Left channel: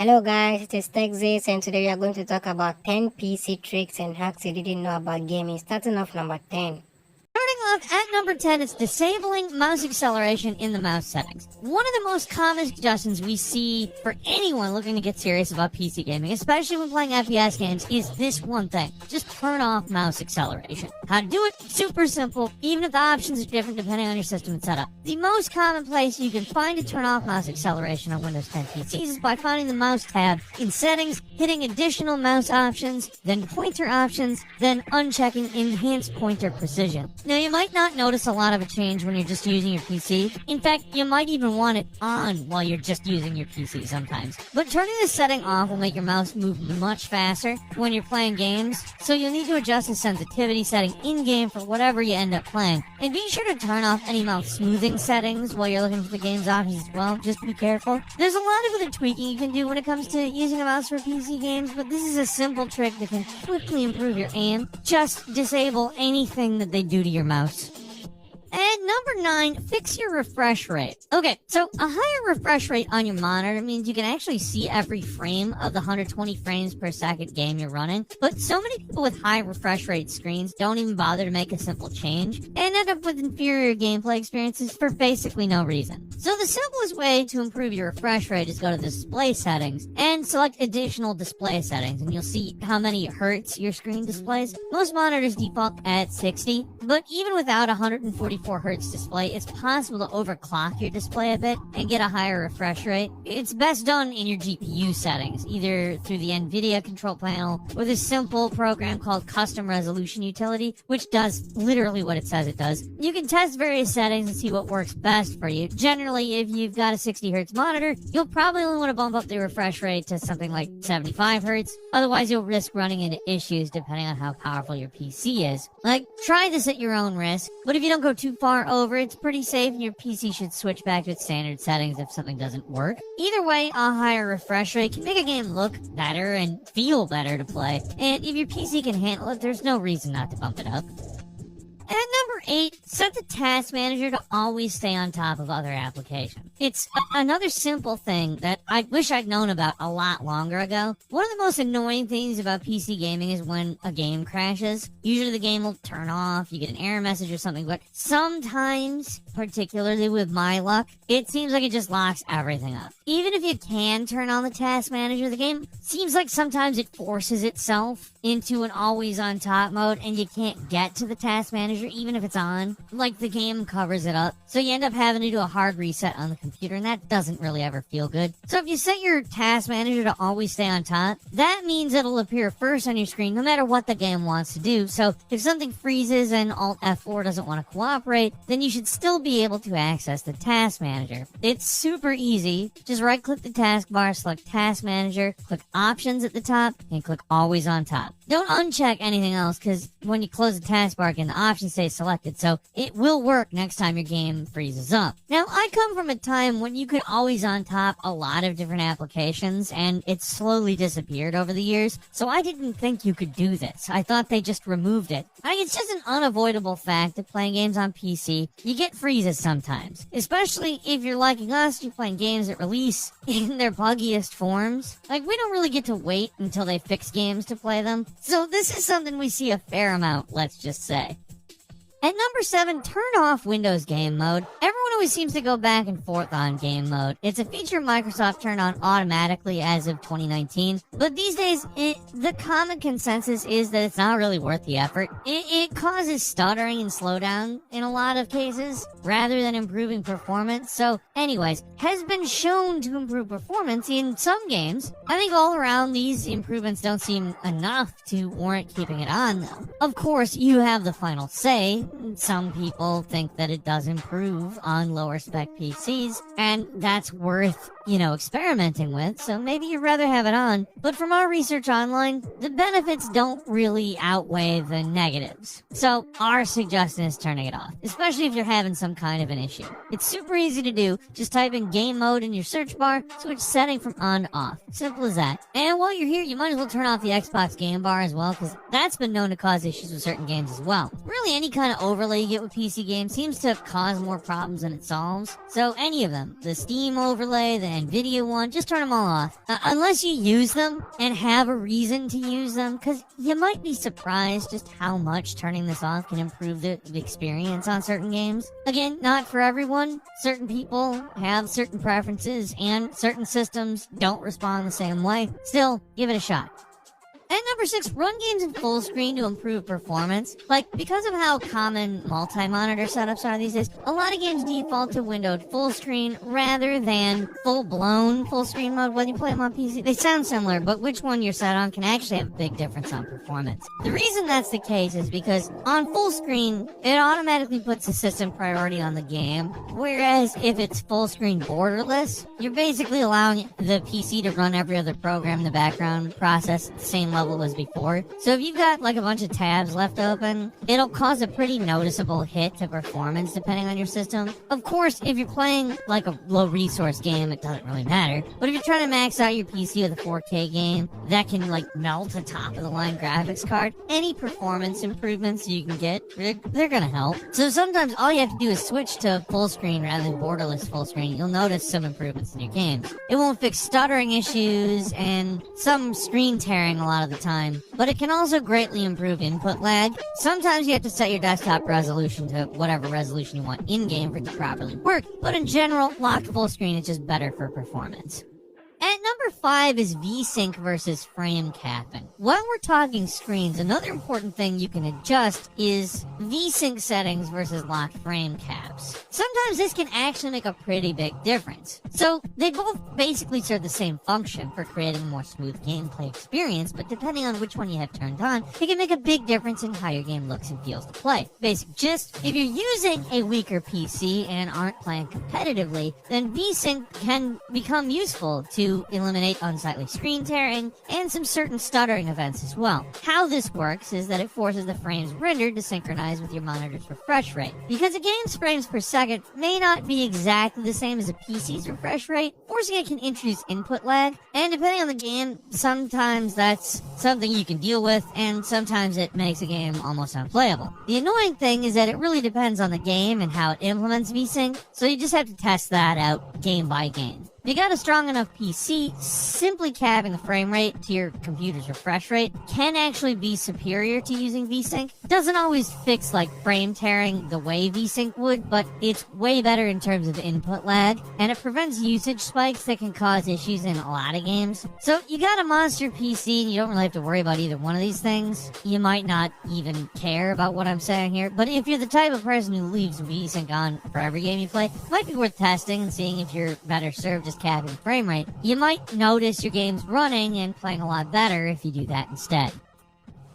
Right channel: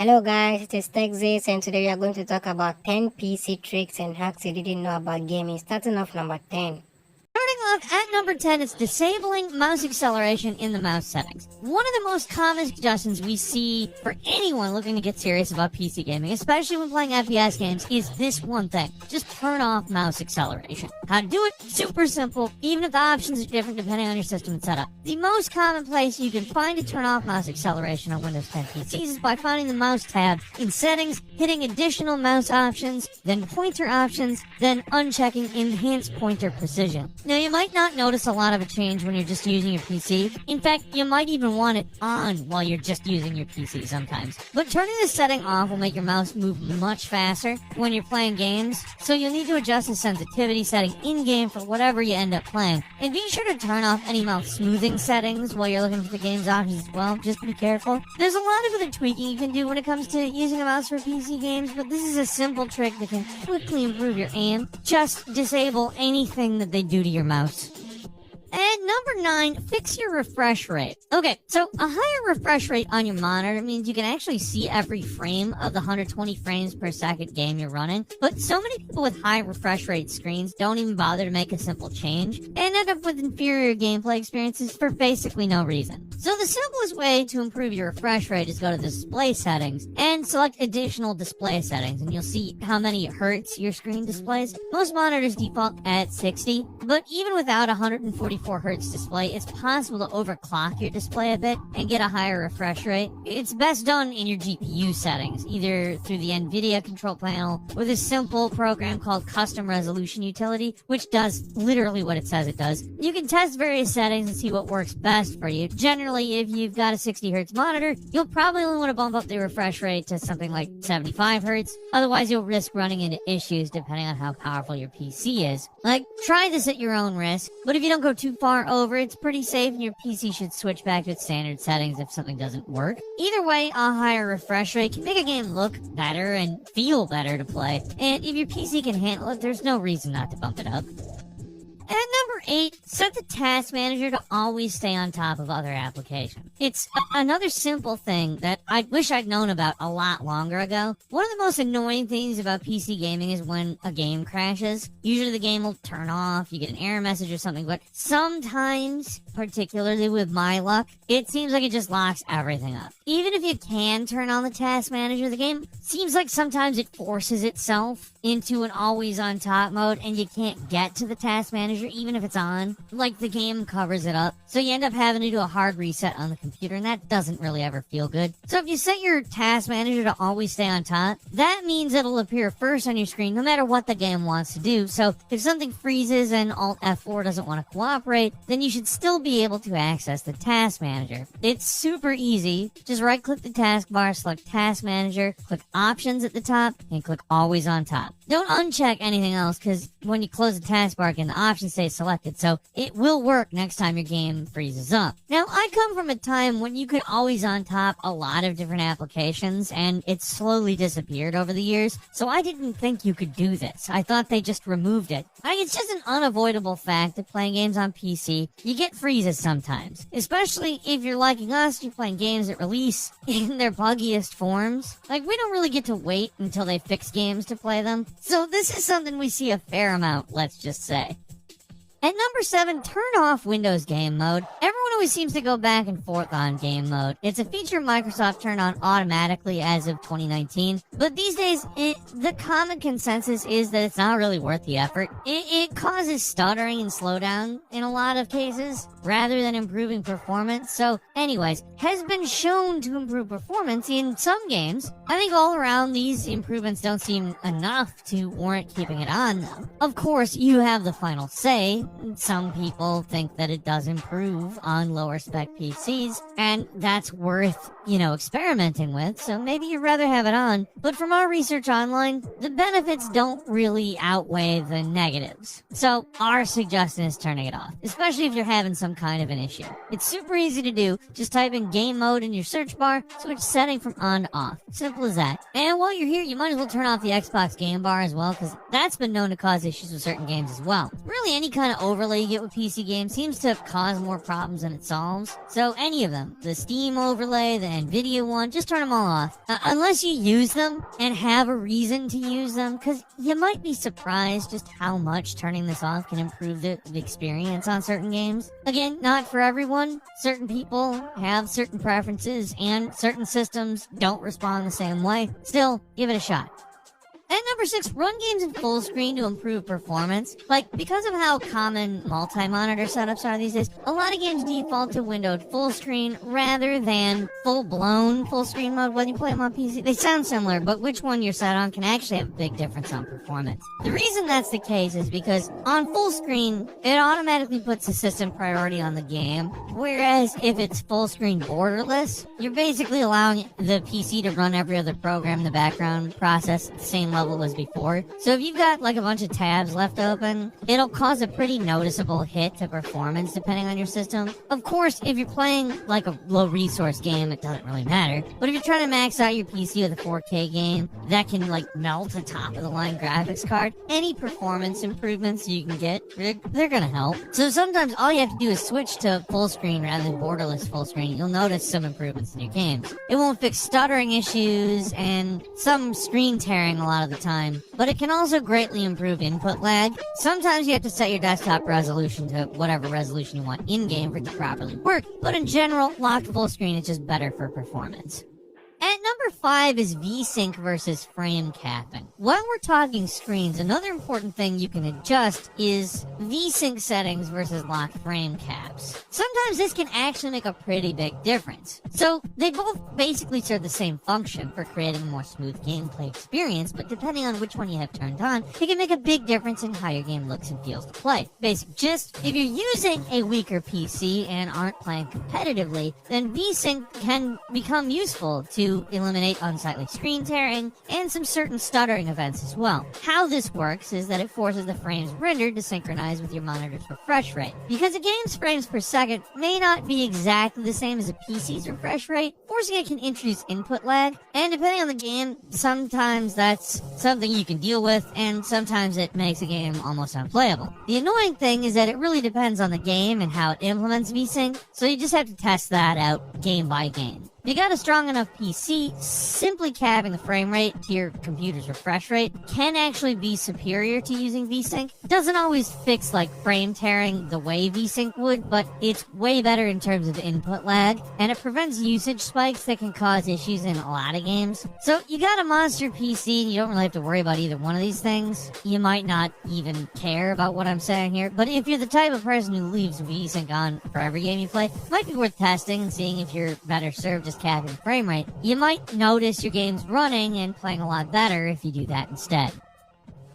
Hello guys, it is TechZace and today we are going to talk about 10 PC tricks and hacks you didn't know about gaming. Starting off number 10. Starting off at number 10 is disabling mouse acceleration in the mouse settings. One of the most common suggestions we see for anyone looking to get serious about PC gaming, especially when playing FPS games, is this one thing. Just turn off mouse acceleration. How to do it? Super simple, even if the options are different depending on your system and setup. The most common place you can find to turn off mouse acceleration on Windows 10 PCs is by finding the mouse tab in settings, hitting additional mouse options, then pointer options, then unchecking enhanced pointer precision. Now, you might not notice a lot of a change when you're just using your PC. In fact, you might even want it on while you're just using your PC sometimes. But turning this setting off will make your mouse move much faster when you're playing games, so you'll need to adjust the sensitivity setting in-game for whatever you end up playing. And be sure to turn off any mouse smoothing settings while you're looking for the game's options as well. Just be careful. There's a lot of other tweaking you can do when it comes to using a mouse for PC games, but this is a simple trick that can quickly improve your aim. Just disable anything that they do to your mouse. And number 9, fix your refresh rate. Okay, so a higher refresh rate on your monitor means you can actually see every frame of the 120 frames per second game you're running. But so many people with high refresh rate screens don't even bother to make a simple change and end up with inferior gameplay experiences for basically no reason. So the simplest way to improve your refresh rate is go to the display settings and select additional display settings, and you'll see how many hertz your screen displays. Most monitors default at 60, but even without 144 hertz display, it's possible to overclock your display a bit and get a higher refresh rate. It's best done in your GPU settings, either through the NVIDIA control panel with a simple program called Custom Resolution Utility, which does literally what it says it does. You can test various settings and see what works best for you. Generally, if you've got a 60 hertz monitor, you'll probably only want to bump up the refresh rate to something like 75 hertz. Otherwise, you'll risk running into issues depending on how powerful your PC is. Like, try this at your own risk, but if you don't go too far over, it's pretty safe and your PC should switch back to its standard settings if something doesn't work. Either way, a higher refresh rate can make a game look better and feel better to play. And if your PC can handle it, there's no reason not to bump it up. And number 8, set the task manager to always stay on top of other applications. It's another simple thing that I wish I'd known about a lot longer ago. One of the most annoying things about PC gaming is when a game crashes. Usually the game will turn off, you get an error message or something, but sometimes, particularly with my luck, it seems like it just locks everything up. Even if you can turn on the task manager, the game seems like sometimes it forces itself into an always on top mode and you can't get to the task manager even if it's on. Like the game covers it up. So you end up having to do a hard reset on the computer, and that doesn't really ever feel good. So if you set your task manager to always stay on top, that means it'll appear first on your screen no matter what the game wants to do. So if something freezes and Alt F4 doesn't want to cooperate, then you should still be able to access the task manager. It's super easy. Just right click the taskbar, select task manager, click options at the top, and click always on top. Don't uncheck anything else, because when you close the taskbar again, the options stay selected, so it will work next time your game freezes up. Now, I come from a time when you could always on top a lot of different applications, and it slowly disappeared over the years, so I didn't think you could do this. I thought they just removed it. It's just an unavoidable fact that playing games on PC, you get freezes sometimes. Especially if you're like us, you're playing games that release in their buggiest forms. Like, we don't really get to wait until they fix games to play them. So this is something we see a fair amount, let's just say. At number 7, turn off Windows Game Mode. Everyone always seems to go back and forth on game mode. It's a feature Microsoft turned on automatically as of 2019. But these days, the common consensus is that it's not really worth the effort. It causes stuttering and slowdown in a lot of cases, rather than improving performance. So, anyways, has been shown to improve performance in some games. I think all around these improvements don't seem enough to warrant keeping it on, though. Of course, you have the final say. Some people think that it does improve on lower spec PCs, and that's worth, experimenting with, so maybe you'd rather have it on. But from our research online, the benefits don't really outweigh the negatives. So our suggestion is turning it off, especially if you're having some kind of an issue. It's super easy to do. Just type in game mode in your search bar, switch setting from on to off. Simple as that. And while you're here, you might as well turn off the Xbox game bar as well, because that's been known to cause issues with certain games as well. Really, any kind of overlay you get with PC games seems to cause more problems than it performance solves. So any of them, the Steam overlay, the Nvidia one, just turn them all off. Unless you use them and have a reason to use them, because you might be surprised just how much turning this off can improve the experience on certain games. Again, not for everyone. Certain people have certain preferences, and certain systems don't respond the same way. Still, give it a shot. At number 6, run games in full screen to improve performance. Because of how common multi-monitor setups are these days, a lot of games default to windowed full screen rather than full-blown full screen mode when you play them on PC. They sound similar, but which one you're set on can actually have a big difference on performance. The reason that's the case is because on full screen, it automatically puts the system priority on the game, whereas if it's full screen borderless, you're basically allowing the PC to run every other program in the background process at the same level as before. So if you've got a bunch of tabs left open, it'll cause a pretty noticeable hit to performance depending on your system. Of course, if you're playing a low resource game, it doesn't really matter. But if you're trying to max out your PC with a 4K game that can melt a top of the line graphics card, any performance improvements you can get, they're gonna help. So sometimes all you have to do is switch to full screen rather than borderless full screen. You'll notice some improvements in your games. It won't fix stuttering issues and some screen tearing a lot of the time, but it can also greatly improve input lag. Sometimes you have to set your desktop resolution to whatever resolution you want in-game for it to properly work, but in general, locked full screen is just better for performance. At number 5 is Vsync versus frame capping. While we're talking screens, another important thing you can adjust is Vsync settings versus locked frame caps. Sometimes this can actually make a pretty big difference. So they both basically serve the same function for creating a more smooth gameplay experience, but depending on which one you have turned on, it can make a big difference in how your game looks and feels to play. Basically, just if you're using a weaker PC and aren't playing competitively, then Vsync can become useful to eliminate unsightly screen tearing and some certain stuttering events as well. How this works is that it forces the frames rendered to synchronize with your monitor's refresh rate. Because a game's frames per second may not be exactly the same as a PC's refresh rate, forcing it can introduce input lag, and depending on the game, sometimes that's something you can deal with, and sometimes it makes a game almost unplayable. The annoying thing is that it really depends on the game and how it implements Vsync, so you just have to test that out game by game. If you got a strong enough PC, simply capping the frame rate to your computer's refresh rate can actually be superior to using Vsync. Doesn't always fix frame tearing the way Vsync would, but it's way better in terms of input lag, and it prevents usage spikes that can cause issues in a lot of games. So you got a monster PC and you don't really have to worry about either one of these things. You might not even care about what I'm saying here, but if you're the type of person who leaves Vsync on for every game you play, it might be worth testing and seeing if you're better served just capping the frame rate. You might notice your game's running and playing a lot better if you do that instead.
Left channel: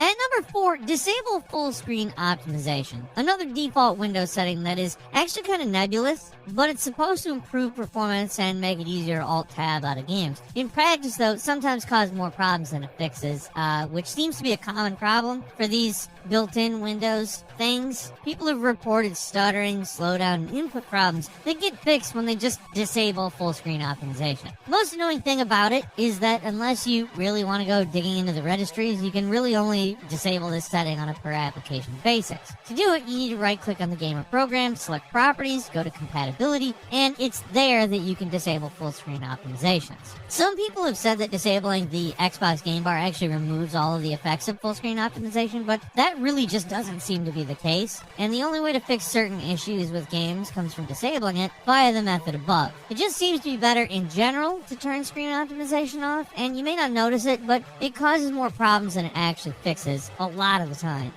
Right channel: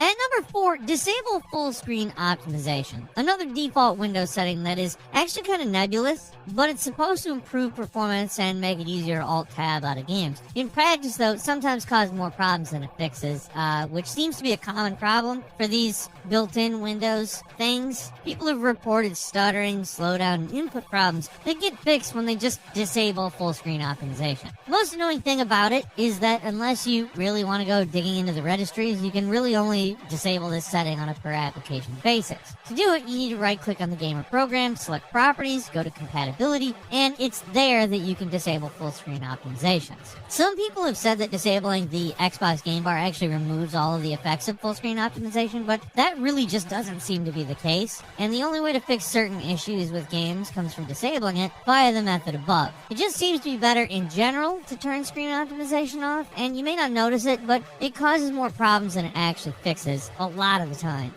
At number 4, disable full screen optimization. Another default Windows setting that is actually kind of nebulous, but it's supposed to improve performance and make it easier to alt-tab out of games. In practice, though, it sometimes causes more problems than it fixes, which seems to be a common problem for these built-in Windows things. People have reported stuttering, slowdown, and input problems that get fixed when they just disable full-screen optimization. The most annoying thing about it is that unless you really want to go digging into the registries, you can really only disable this setting on a per-application basis. To do it, you need to right-click on the game or program, select Properties, go to Compatibility, and it's there that you can disable full-screen optimizations. Some people have said that disabling the Xbox game bar actually removes all of the effects of full-screen optimization, but that really just doesn't seem to be the case. And the only way to fix certain issues with games comes from disabling it via the method above. It just seems to be better in general to turn screen optimization off, and you may not notice it, but it causes more problems than it actually fixes a lot of the time.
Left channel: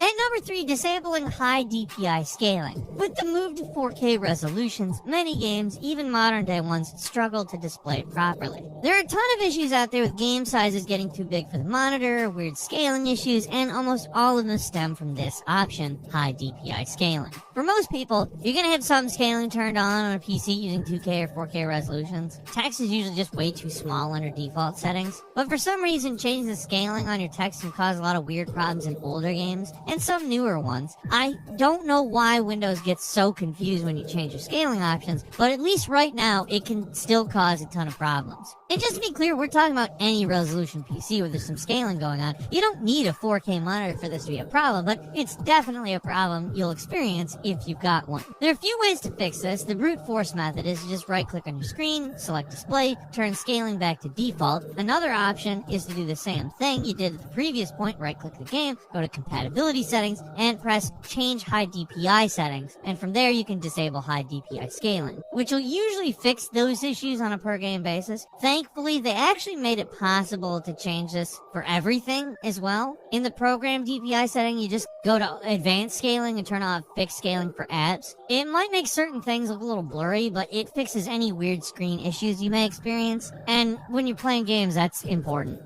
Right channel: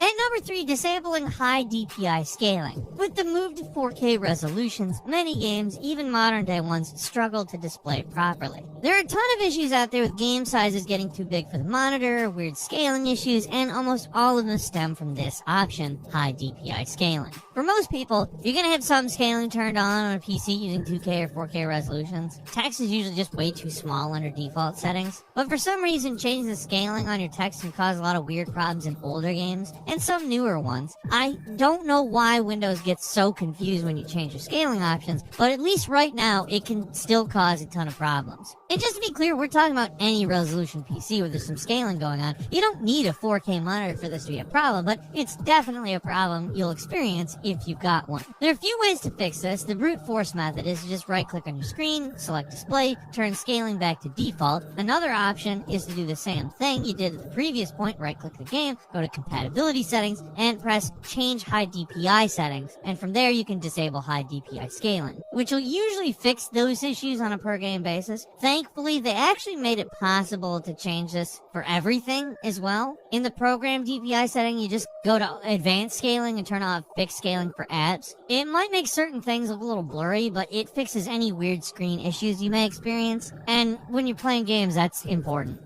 At number 3, disabling high DPI scaling. With the move to 4K resolutions, many games, even modern day ones, struggle to display it properly. There are a ton of issues out there with game sizes getting too big for the monitor, weird scaling issues, and almost all of them stem from this option, high DPI scaling. For most people, if you're going to have some scaling turned on a PC using 2K or 4K resolutions, text is usually just way too small under default settings. But for some reason, changing the scaling on your text can cause a lot of weird problems in older games, and some newer ones. I don't know why Windows gets so confused when you change your scaling options, but at least right now, it can still cause a ton of problems. And just to be clear, we're talking about any resolution PC where there's some scaling going on. You don't need a 4K monitor for this to be a problem, but it's definitely a problem you'll experience if you've got one. There are a few ways to fix this. The brute force method is to just right-click on your screen, select display, turn scaling back to default. Another option is to do the same thing you did at the previous point, right-click the game, go to compatibility settings, and press change high DPI settings. And from there, you can disable high DPI scaling, which will usually fix those issues on a per-game basis. Thankfully, they actually made it possible to change this for everything as well. In the program DPI setting, you just go to advanced scaling and turn off fixed scaling for apps. It might make certain things look a little blurry, but it fixes any weird screen issues you may experience. And when you're playing games, that's important.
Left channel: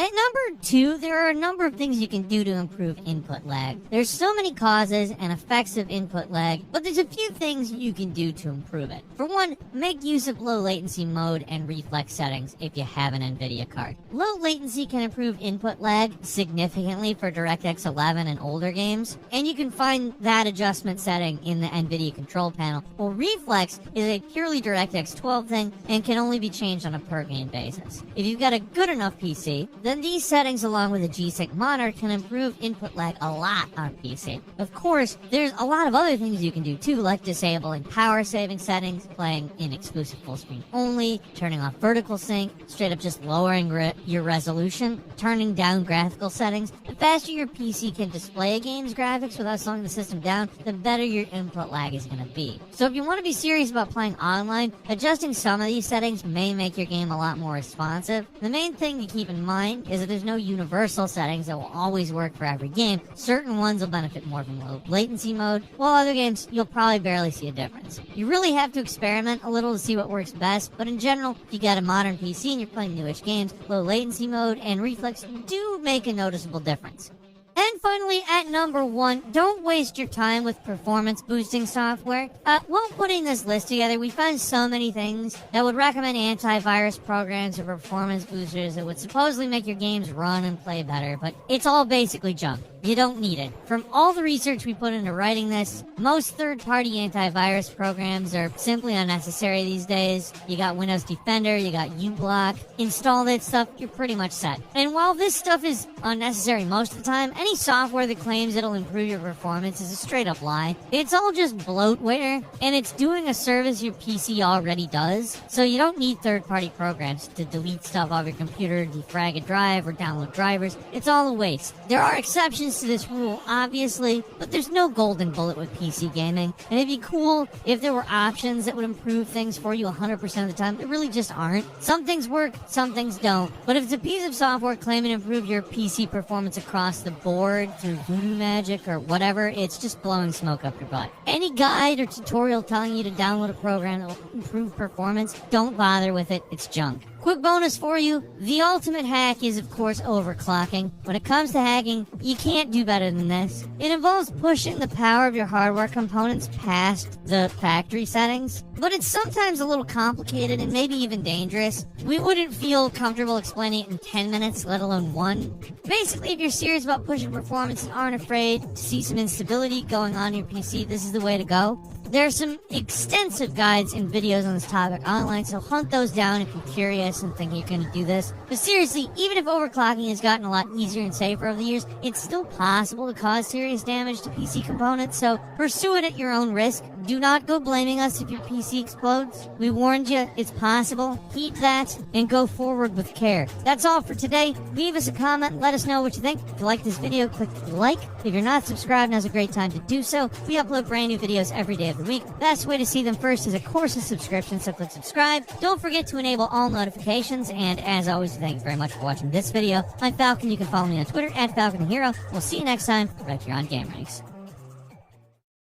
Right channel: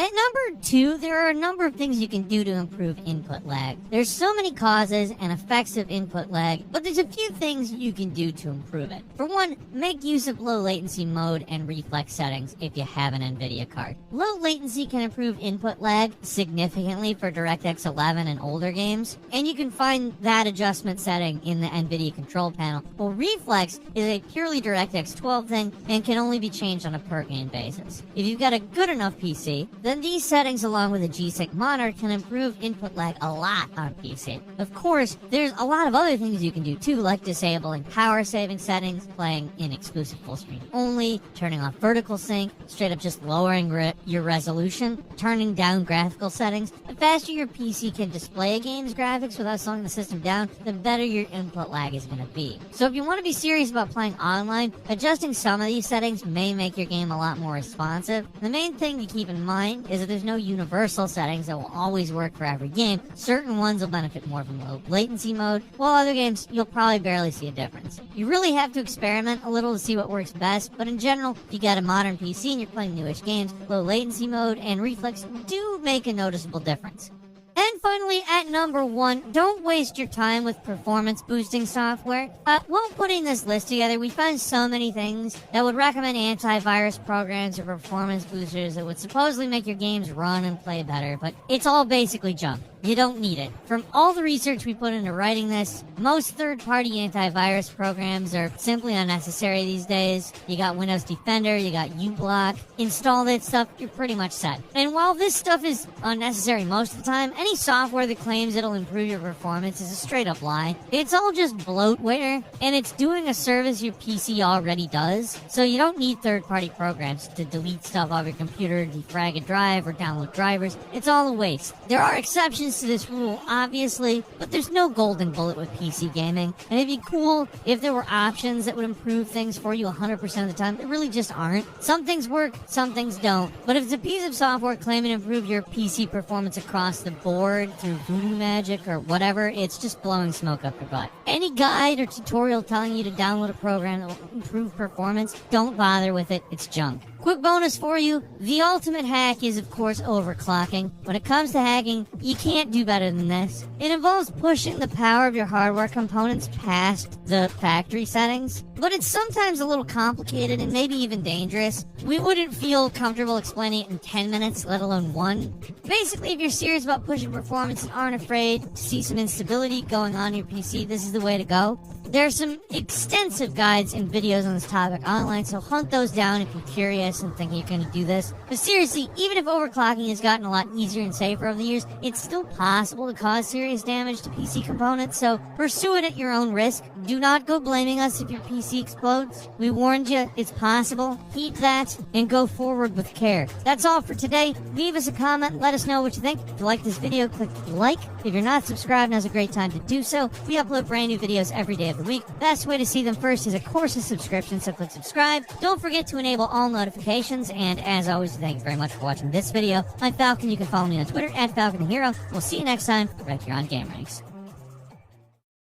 At number 2, there are a number of things you can do to improve input lag. There's so many causes and effects of input lag, but there's a few things you can do to improve it. For one, make use of low latency mode and reflex settings if you have an NVIDIA card. Low latency can improve input lag significantly for DirectX 11 and older games, and you can find that adjustment setting in the NVIDIA control panel. Well, reflex is a purely DirectX 12 thing and can only be changed on a per game basis. If you've got a good enough PC, then these settings along with a G-Sync monitor can improve input lag a lot on PC. Of course, there's a lot of other things you can do too, like disabling power saving settings, playing in exclusive full screen only, turning off vertical sync, straight up just lowering your resolution, turning down graphical settings. The faster your PC can display a game's graphics without slowing the system down, the better your input lag is going to be. So if you want to be serious about playing online, adjusting some of these settings may make your game a lot more responsive. The main thing to keep in mind is that there's no universal settings that will always work for every game. Certain ones will benefit more from low latency mode, while other games you'll probably barely see a difference. You really have to experiment a little to see what works best, but in general, if you got a modern PC and you're playing newish games, low latency mode and reflex do make a noticeable difference. And finally, at number 1, don't waste your time with performance boosting software. While putting this list together, we found so many things that would recommend antivirus programs or performance boosters that would supposedly make your games run and play better, but it's all basically junk. You don't need it. From all the research we put into writing this, most third-party antivirus programs are simply unnecessary these days. You got Windows Defender, you got uBlock. Install that stuff, you're pretty much set. And while this stuff is unnecessary most of the time, any software that claims it'll improve your performance is a straight-up lie. It's all just bloatware, and it's doing a service your PC already does. So you don't need third-party programs to delete stuff off your computer, defrag a drive, or download drivers. It's all a waste. There are exceptions to this rule, obviously, but there's no golden bullet with PC gaming. And it'd be cool if there were options that would improve things for you 100% of the time. There really just aren't. Some things work, some things don't. But if it's a piece of software claiming to improve your PC performance across the board through voodoo magic or whatever, it's just blowing smoke up your butt. Any guide or tutorial telling you to download a program that will improve performance, don't bother with it. It's junk. Quick bonus for you, the ultimate hack is of course overclocking. When it comes to hacking, you can't do better than this. It involves pushing the power of your hardware components past the factory settings, but it's sometimes a little complicated and maybe even dangerous. We wouldn't feel comfortable explaining it in 10 minutes, let alone 1. Basically, if you're serious about pushing performance and aren't afraid to see some instability going on in your PC, this is the way to go. There are some extensive guides and videos on this topic online, so hunt those down if you're curious and think you can do this. But seriously, even if overclocking has gotten a lot easier and safer over the years, it's still possible to cause serious damage to PC components, so pursue it at your own risk. Do not go blaming us if your PC explodes. We warned you, it's possible. Keep that and go forward with care. That's all for today. Leave us a comment, let us know what you think. If you like this video, click the like. If you're not subscribed, now's a great time to do so. We upload brand new videos every day of the week. Best way to see them first is, of course, a subscription, so click subscribe. Don't forget to enable all notifications, and as always, thank you very much for watching this video. I'm Falcon. You can follow me on Twitter at FalconHero. We'll see you next time right here on Game Ranks.